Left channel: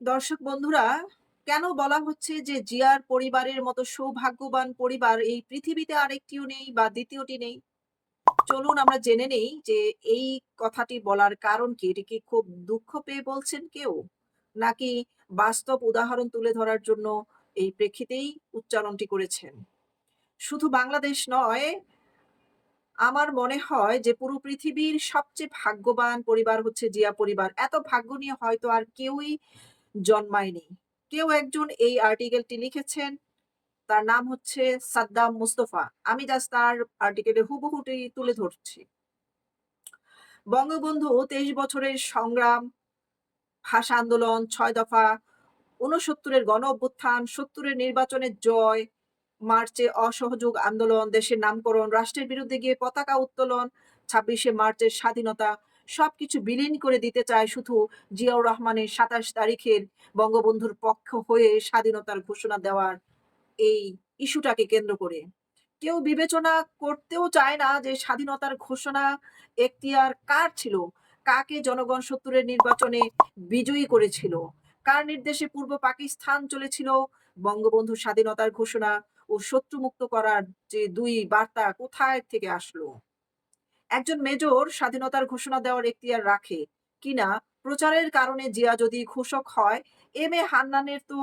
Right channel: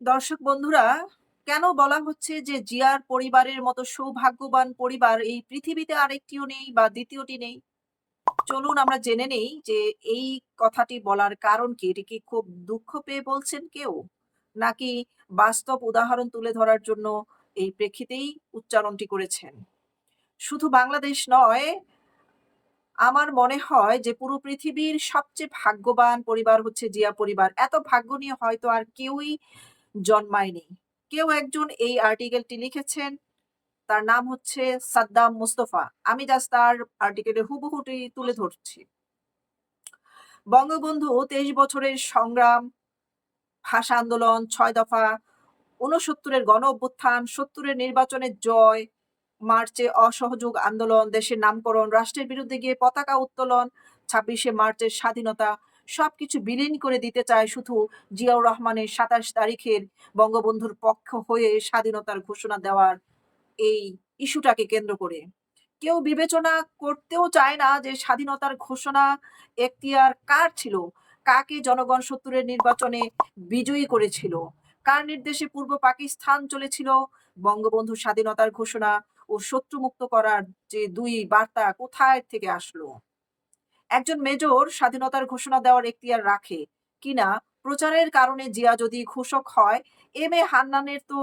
দর্শক বন্ধুরা, কেন বলা হচ্ছে যে জিয়ার পরিবারের মতো সৌভাগ্যবান পরিবার এই পৃথিবীতে আরেকটিও নেই বা দ্বিতীয়টি নেই? চলুন আমরা জেনে নেই যে এই কথাটি বলার কারণ কি? এটি কি খুব দুঃখ পেয়ে বলছেন কেউ? নাকি বাস্তব উদাহরণ তুলে ধরার জন্য এই প্রেক্ষিতেই উচ্চারণটি করেছেন? শুধু বাংলাদেশ নয়, আমার মনে হয় যে পুরো পৃথিবীর সবচেয়ে ভাগ্যবান পরিবার হচ্ছে জিয়া পরিবার। এত ভাগ্য নিয়ে হয়তো আর কেউই জন্মায়নি। কেউ একজন এই আর্টিকেলটি লিখেছেন। তার নাম হচ্ছে সাদ্দাম মুস্তফা। আমি জাস্ট তার আর্টিকেলের হুবহুটি তুলে ধরছি। বঙ্গবন্ধু ২৩ বছরের সংগ্রাম, ভাষা আন্দোলন, ছয় দফা, ৬৯ এর গণ অভ্যুত্থান, ৭০ এর নির্বাচনের জয়, মার্চে অসহযোগ আন্দোলন, দেশের নামকরণ, রাষ্ট্রের বিরুদ্ধে গিয়ে পতাকা উত্তোলন, ২৬শে মার্চের স্বাধীনতা সবকিছু বিলীন করে দিতে চায় শুধু জিয়াউর রহমানের ২৭ তারিখের বঙ্গবন্ধুর পক্ষ হয়ে স্বাধীনতার ঘোষণা দেওয়ার এই ইস্যুটাকে কেন্দ্র করে। কেউ বিবেচনা করতেও চায় না যে স্বাধীনতার ঘোষণা এখতিয়ার কার ছিল? কাকে জনগণ ৭০ এর নির্বাচনে বিজয়ী করেছিল? কার নির্দেশে পূর্ব পাকিস্তান চলেছিল? বঙ্গবন্ধুর স্বাধীনতার ঘোষণা ও শত্রুমুক্ত করার যে দুই বার্তা কোথায় থেকে আসলো? একজন মেজর স্বাধীনতার ঘোষণা দেওয়ার এখতিয়ার রাখে। কিনা প্রচারের কারণে জিয়া যদি ঘোষক হয়, এম এ হান্নানের তো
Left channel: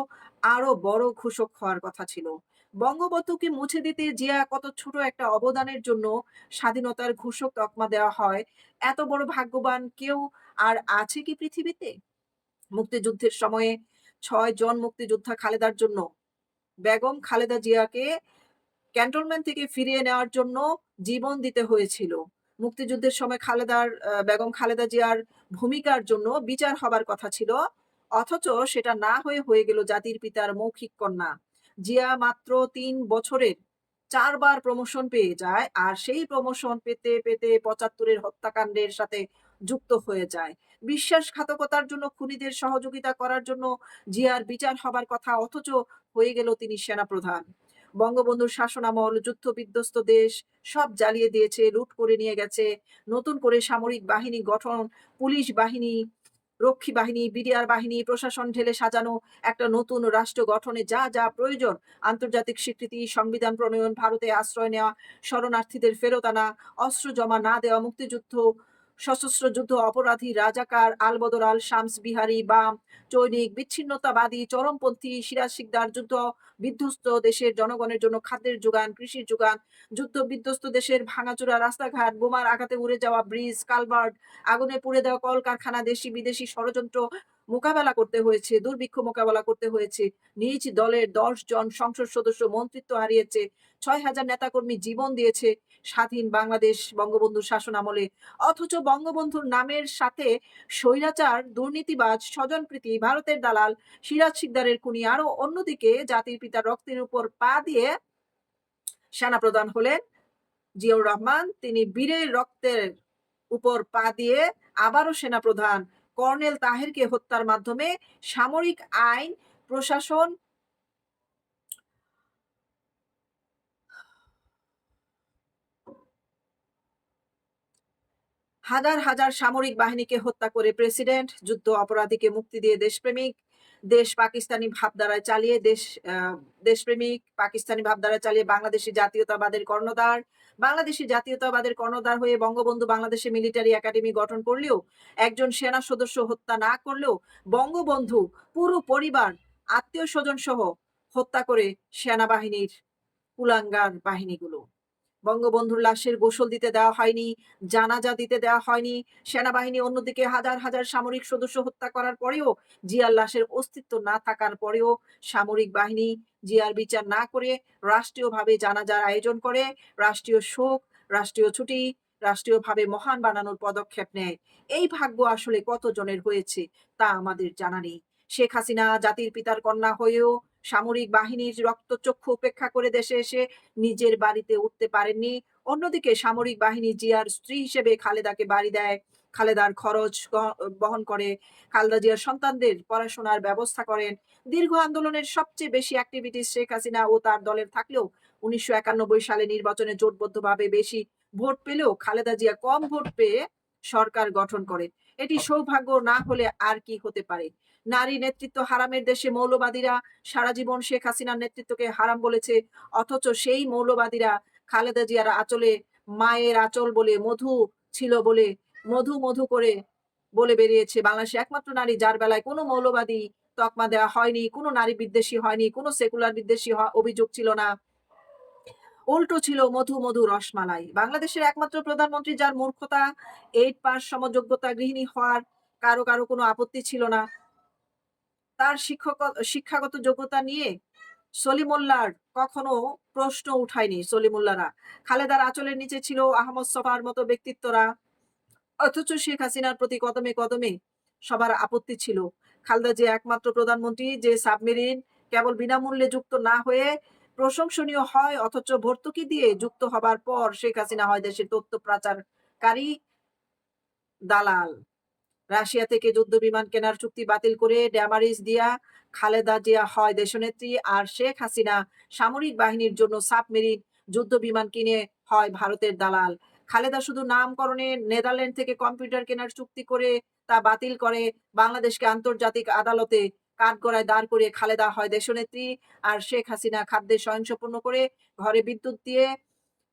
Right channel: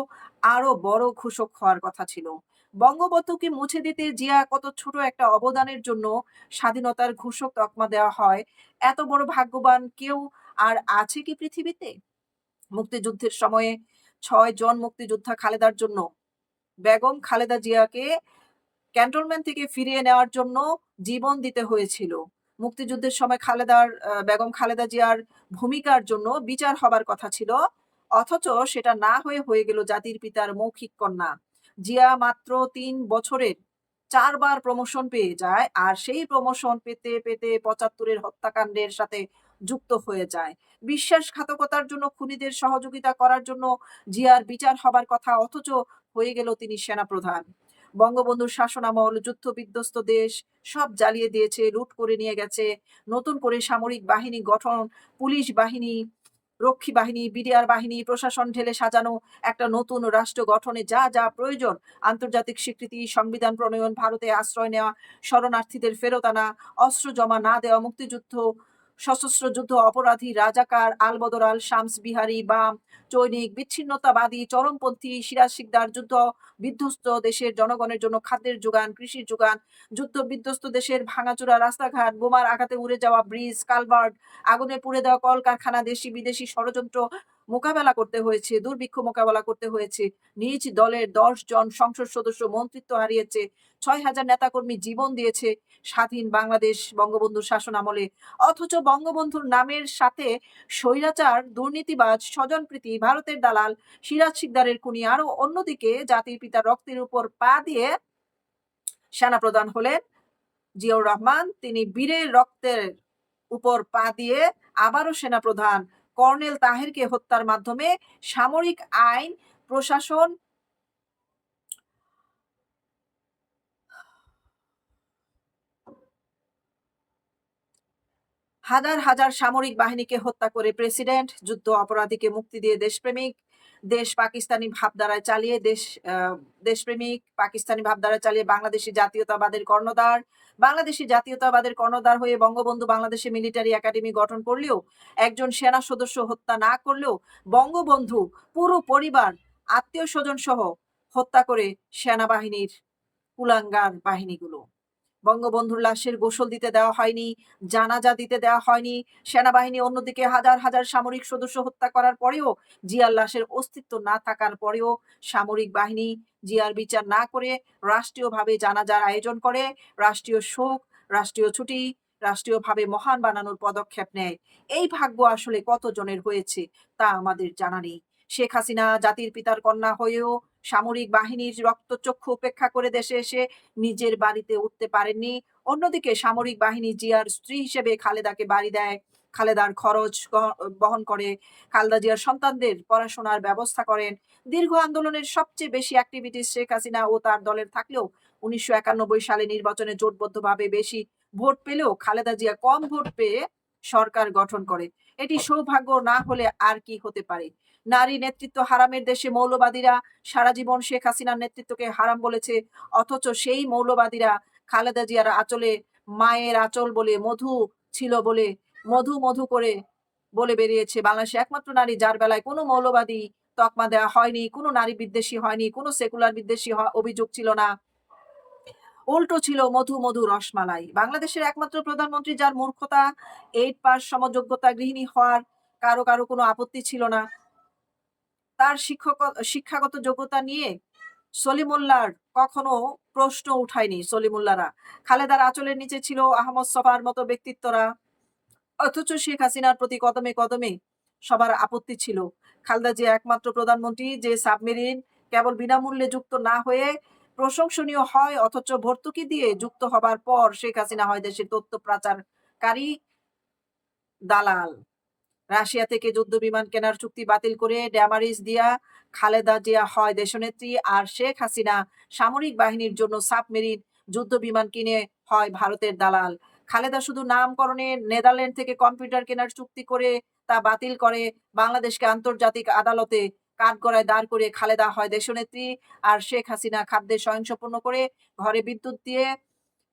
আরও বড় ঘোষক হওয়ার কথা ছিল। বঙ্গবন্ধুকে মুছে দিতে জিয়া কত ছোট একটা অবদানের জন্য স্বাধীনতার ঘোষক তকমা দেওয়া হয়, এত বড় ভাগ্যবান কেউ আর আছে কি পৃথিবীতে? মুক্তিযুদ্ধের সময়ে ছয় জন মুক্তিযোদ্ধা খালেদার জন্য, বেগম খালেদা জিয়াকে ক্যান্টনমেন্ট থেকে ফিরিয়ে নেওয়ার জন্য জীবন দিতে হয়েছিল। মুক্তিযুদ্ধের সময় খালেদার বেগম খালেদা জিয়ার ভূমিকার জন্য বিচার হবার কথা ছিল। অথচ সেটা না হয়ে হয়ে গেল জাতির পিতার মৌখিক কন্যা। জিয়া মাত্র তিন বছরের চারবার প্রমোশন পেয়ে যায় আর সেই প্রমোশন পেতে পেতে পঁচাত্তরের হত্যাকাণ্ডের সাথে যুক্ত হয়ে যায়। বিশ্বাসঘাতকতার জন্য, খুনিদের সহযোগিতা করার জন্য জিয়ার বিচার হবার কথা অথচ হয়ে গেল তিনি সেনাপ্রধান। বঙ্গবন্ধুর শাসনামল যুদ্ধ বিধ্বস্ত দেশ, সব জ্বালিয়ে দিয়েছে, লুট করে নিয়ে গেছে। নতুন করে সামরিক বাহিনী গঠন, পুলিশ বাহিনী, রক্ষী বাহিনী, বিডিআর বাহিনী, প্রশাসন ঢেলে সাজানো একটা নতুন রাষ্ট্র গঠনে যা যা প্রয়োজন, আন্তর্জাতিক স্বীকৃতি, সংবিধান প্রণয়ন, ভারতে আশ্রয় নেওয়া, শরণার্থীদের ফেরত আনা, অস্ত্র জমা না দেওয়া, মুক্তিযুদ্ধ সশস্ত্র যুদ্ধ অপরাধী রাজাকার আলবদর আল শামস বিহারি বাম চৈনিক বিচ্ছিন্নতাবাদী চরমপন্থী সিরাজ শিকদার যুদ্ধ, বিধ্বস্ত দেশের জনগণের জন্য খাদ্যের যোগান, কৃষির যোগান, যুদ্ধ বিধ্বস্ত দেশের ভাঙাচোরা রাস্তাঘাট, বোমার আঘাতে উড়ে যাওয়া ব্রিজ কালভার্ট আগুনে পুড়ে দেওয়া কলকারখানা, দেশি বিদেশি ষড়যন্ত্র মোকাবেলা করতে হয়েছে, দুর্ভিক্ষ মোকাবেলা করতে হয়েছে। নিজ দলের দশ জন সংসদ সদস্য মন্ত্রিত্ব হারিয়েছে, ছয় হাজার নেতাকর্মী জীবন দিয়েছে। স্বাধীন বাংলাদেশ বঙ্গবন্ধুর শাসন আমলে। অথচ বঙ্গবন্ধুর নামের সাথে স্বৈরাচার, দুর্নীতিবাজ, স্বজনপ্রীতি, ভারতের দালাল, সিরাজ শিকদারের খুনি আরও অন্যদিকে জাতির পিতার রক্তের উপর পা দিয়ে সেনাপ্রধান হলেন জিয়াউর রহমান। তিনি বীরের রক্তের উপর পা দিয়ে আবারও সেনাপ্রধান কর্নেল তাহেরকে হত্যার মাধ্যমে সামরিক আইন, প্রশাসন হাজার হাজার সামরিক বাহিনীকে হত্যা করে প্রেসিডেন্ট, যুদ্ধ অপরাধীকে মুক্তি দিয়ে দেশপ্রেমিক, দেশ পাকিস্তানি ভাবধারায় চালিয়ে দেশ দেশপ্রেমিক, পাকিস্তানি ভাবধারায় চালিয়ে বাংলাদেশি জাতীয়তাবাদের কর্ণধার, বাংলাদেশি জাতীয়তাবাদের কর্ণধার হয়ে বঙ্গবন্ধু বাংলাদেশে মিলিটারি একাডেমি গঠন করলেও, একজন সেনা সদস্য হত্যা না করলেও বঙ্গবন্ধু পুরো পরিবার, আত্মীয় স্বজন সহ হত্যা করে সেনাবাহিনীর কুলাঙ্গার বাহিনীগুলো। বঙ্গবন্ধুর লাশের গোসল দিতে দেওয়া হয়নি, জানাজা দিতে দেওয়া হয়নি, সেনাবাহিনী অন্যদিকে হাজার হাজার সামরিক সদস্য হত্যা করার পরেও জিয়ার লাশের অস্তিত্ব না থাকার পরেও সামরিক বাহিনী জিয়ার বিচার না করে রাষ্ট্রীয়ভাবে জানাজার আয়োজন করে, রাষ্ট্রীয় শোক, রাষ্ট্রীয় ছুটি, রাষ্ট্রীয়ভাবে মহান বানানোর পদক্ষেপ নেয়। এই ভাগ্য আসলে কতজনের হয়েছে তা আমাদের জানা নেই। শেখ হাসিনা জাতির পিতার কন্যা হয়েও সামরিক বাহিনীর রক্তচক্ষু উপেক্ষা করে দেশে এসে নিজের বাড়িতে উঠতে পারেননি। অন্যদিকে সামরিক বাহিনী জিয়ার স্ত্রী হিসেবে খালেদাকে বাড়ি দেয়। খালেদার খরচ বহন করে। খালেদা জিয়ার সন্তানদের পড়াশোনার ব্যবস্থা করেন। দীর্ঘ আন্দোলনের সবচেয়ে বেশি অ্যাক্টিভিটিস শেখ হাসিনা ও তার দলের থাকলেও উনিশশো একানব্বই সালে নির্বাচনে জোটবদ্ধভাবে বেশি ভোট পেলেও খালেদা জিয়া কম ভোট পেয়ে সরকার গঠন করে এটি সৌভাগ্য না হলে আর কি হতে পারে? নারী নেতৃত্ব হারামের দেশে মৌলবাদীরা সারা জীবন শেখ হাসিনার নেতৃত্বকে হারাম বলেছে, অথচ সেই মৌলবাদীরা খালেদা জিয়ার আঁচলে মায়ের আঁচল বলে মধু ছিল বলে, মধু মধু করে বলে বেরিয়েছে বাংলাদেশে। একমাত্র নারী যার বেলায় কোনো মৌলবাদী তকমা দেওয়া হয়নি, কোনো নারী বিদ্বেষী হয়নি, কোনো সেকুলার বিদ্বেষী অভিযোগ ছিল না। উল্টো ছিল মধু মধু রসমালাই। বাংলাদেশের একমাত্র প্রধানমন্ত্রী যার মূর্খতা, এইট পাস সমযোগ্যতা গৃহিণী হওয়ার কারও কারও কোনো আপত্তি ছিল না। তার শিক্ষক শিক্ষাগত যোগ্যতা নিয়ে সলিমুল্লার কখনো প্রশ্ন উঠায়নি সলিমুল্লারা। খালেদার আচলের নিচে ছিল আহমদ সফার মতো ব্যক্তিত্বরা। অথচ শেখ হাসিনার প্রতি কদমে কদমে সবার আপত্তি ছিল। খালেদা যে একমাত্র প্রধানমন্ত্রী, যে সাবমেরিন কেবল বিনামূল্যে যুক্ত না হয়ে প্রশংসনীয় হয়, অথচ ভর্তুকি দিয়ে যুক্ত হবার পর শেখ হাসিনা হয় দেশের তথ্য পাচারকারী দালাল। রাশিয়া থেকে যুদ্ধ বিমান কেনার চুক্তি বাতিল করে ড্যামারিজ দিয়া খালেদা জিয়া হয় দেশনেত্রী আর শেখ হাসিনা সামরিক বাহিনীর জন্য সাবমেরিন যুদ্ধ বিমান কিনে হয় ভারতের দালাল। খালেদা শুধু নামকরণে নেদারল্যান্ড থেকে কম্পিউটার কেনার চুক্তি করে তা বাতিল করে, বাংলাদেশকে আন্তর্জাতিক আদালতে কাঠগড়ায় দাঁড় করে খালেদা হয় দেশনেত্রী আর শেখ হাসিনা খাদ্যের স্বয়ংসম্পূর্ণ করে ঘরে বিদ্যুৎ দিয়ে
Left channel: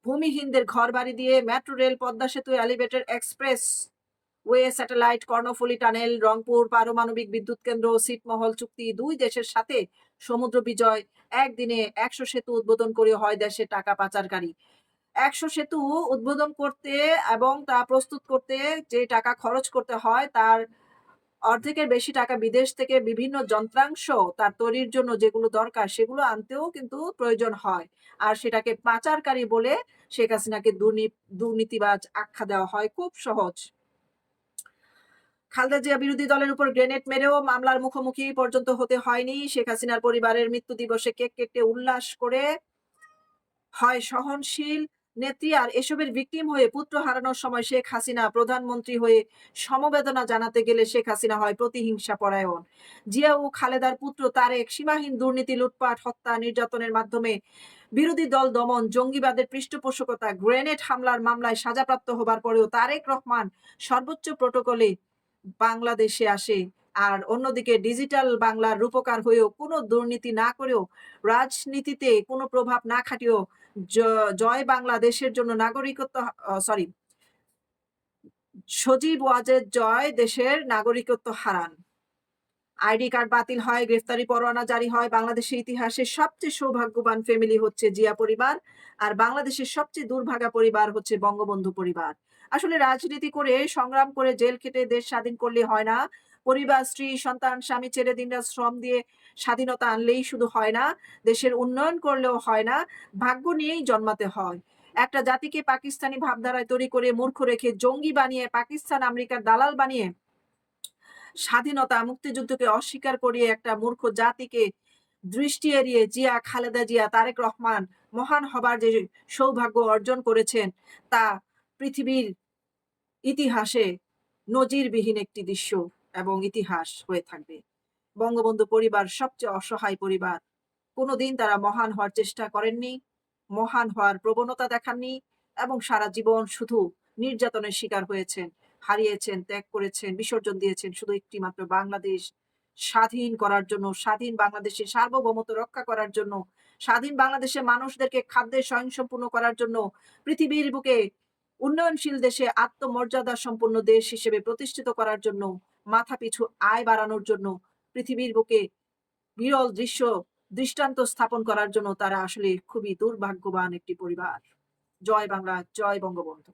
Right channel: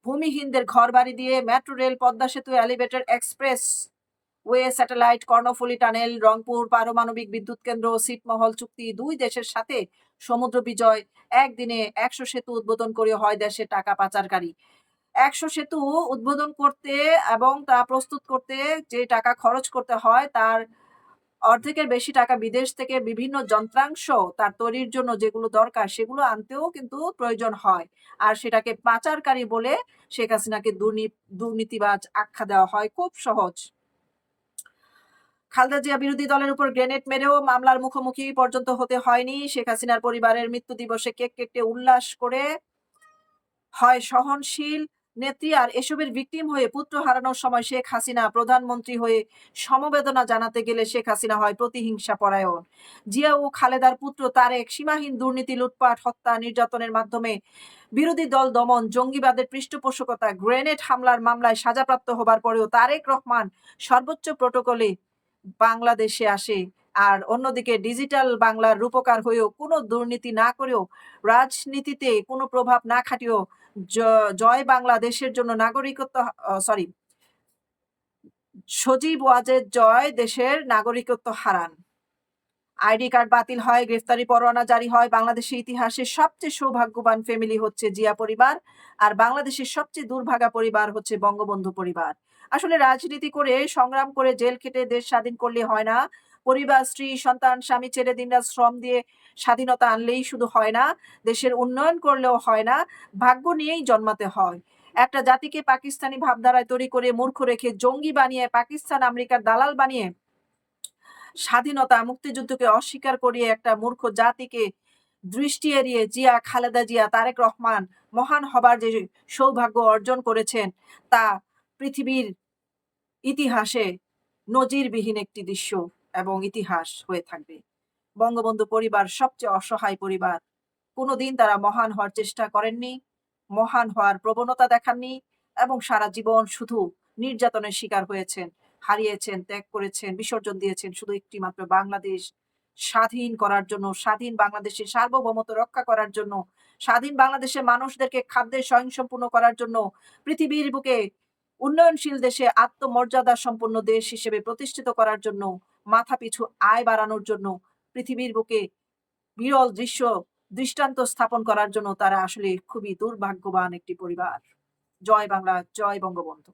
ভূমিহীনদের ঘর বাড়ি দিয়ে metro rail Padma Setu elevator expressway satellite, Karnaphuli tunnel, Rangpur, পারমাণবিক বিদ্যুৎ কেন্দ্র সিটমহল চুক্তি, দুই দেশের সাথে সমুদ্র বিজয়। একদিনে একশো সেতু উদ্বোধন করে হয় দেশে টাকা পাচারকারী। একশো সেতু উদ্বোধন করতে এবং তা প্রস্তুত করতে যে টাকা খরচ করতে হয়, তার অর্ধেকের বেশি টাকা বিদেশ থেকে বিভিন্ন যন্ত্রাংশ তার তৈরির জন্য যেগুলো দরকার সেগুলো আনতেও কিন্তু প্রয়োজন হয়। আর সেটাকে পাচারকারী বলে শেখ হাসিনাকে দুর্নী- দুর্নীতিবাজ আখ্যা দেওয়া হয়। খুব সহজ। খালেদা জিয়া বিরোধী দলের উপর গ্রেনেড মেরেও মামলার মুখোমুখি পর্যন্ত হতে হয়নি। শেখ হাসিনার পরিবারের মৃত্যু দিবসে কেক কেটে উল্লাস করে হয় সহনশীল নেত্রী। আর এসবের ভিকটিম হয়ে পুত্র হারানোর সময় শেখ হাসিনা প্রধানমন্ত্রী হয়ে সমবেদনা জানাতে গেলে শেখ হাসিনা হয় প্রতিহিংসা পরায়ণ। জিয়া ও খালেদার পুত্র তারেক সীমাহীন দুর্নীতি, লুটপাট, হত্যা নির্যাতনের মাধ্যমে বিরোধী দল দমন, জঙ্গিবাদের পৃষ্ঠপোষকতা, গ্রেনেড হামলার মামলায় সাজাপ্রাপ্ত হবার পরেও তারেক রহমান সর্বোচ্চ প্রোটোকলে বাংলাদেশে আসে। আর অন্যদিকে ডিজিটাল বাংলার রূপকার হয়েও কোনো দুর্নীতি না করেও রাজনীতিতে কোনো প্রভাব না খাটিয়েও জয় বাংলাদেশের জন্য নাগরিকত্ব সরি সজীব ওয়াজেদ জয় দেশের নাগরিকত্ব হারান। আইডি কার্ড বাতিল হয়, গ্রেফতারি পরোয়ানা জারি হয়। বাংলাদেশের ইতিহাসে সবচেয়ে সৌভাগ্যবান ফ্যামিলি হচ্ছে জিয়া পরিবার। আর বাংলাদেশের সবচেয়ে দুর্ভাগা পরিবার হচ্ছে বঙ্গবন্ধু পরিবার। আসলে রাজনীতি করে সংগ্রাম করে জেল খেটে দেশ স্বাধীন করলে হয় না। পরিবার, স্ত্রী, সন্তান, স্বামী ছেড়ে দিনরাত শ্রম দিয়ে স্বাধীনতা আনলেই শুধু হয় না, দেশের উন্নয়ন করলেও হয় না, ভাগ্য নিয়েই জন্মাতে হয়। একটা জাতিকে পাকিস্তানি ভাবধারায় তৈরি করে মূর্খ রেখে জঙ্গি বানিয়ে পাকিস্তান, আমেরিকার দালাল বানিয়ে স্বাধীনতা মুক্তিযুদ্ধকে অস্বীকার করিয়ে একটা মূর্খ জাতিকে দৃষ্টি এড়িয়ে জিয়া, খালেদা জিয়া, তারেক রহমান মহান হবার যে সৌভাগ্য অর্জন করেছেন, তা পৃথিবীর ইতিহাসে নজিরবিহীন একটি দৃশ্য এবং ইতিহাস হয়ে থাকবে। বঙ্গবন্ধু পরিবার সবচেয়ে অসহায় পরিবার। কোনোদিন তারা মহান হওয়ার চেষ্টা করেননি, মহান হওয়ার প্রবণতা দেখাননি এবং সারা জীবন শুধু নির্যাতনের শিকার হয়েছেন, হারিয়েছেন, ত্যাগ করেছেন, বিসর্জন দিয়েছেন শুধু একটি মাত্র বাংলাদেশ। স্বাধীন করার জন্য, স্বাধীন বাংলাদেশের সার্বভৌমত্ব রক্ষা করার জন্য, স্বাধীন বাংলাদেশের মানুষদেরকে খাদ্যে স্বয়ংসম্পূর্ণ করার জন্য পৃথিবীর বুকে উন্নয়নশীল দেশে আত্মমর্যাদা সম্পন্ন দেশ হিসেবে প্রতিষ্ঠিত করার জন্য মাথা পিছু আয় বাড়ানোর জন্য, পৃথিবীর বুকে বিরল দৃশ্য, দৃষ্টান্ত স্থাপন করার জন্য তারা আসলে খুবই দুর্ভাগ্যবান একটি পরিবার। জয় বাংলা, জয় বঙ্গবন্ধু।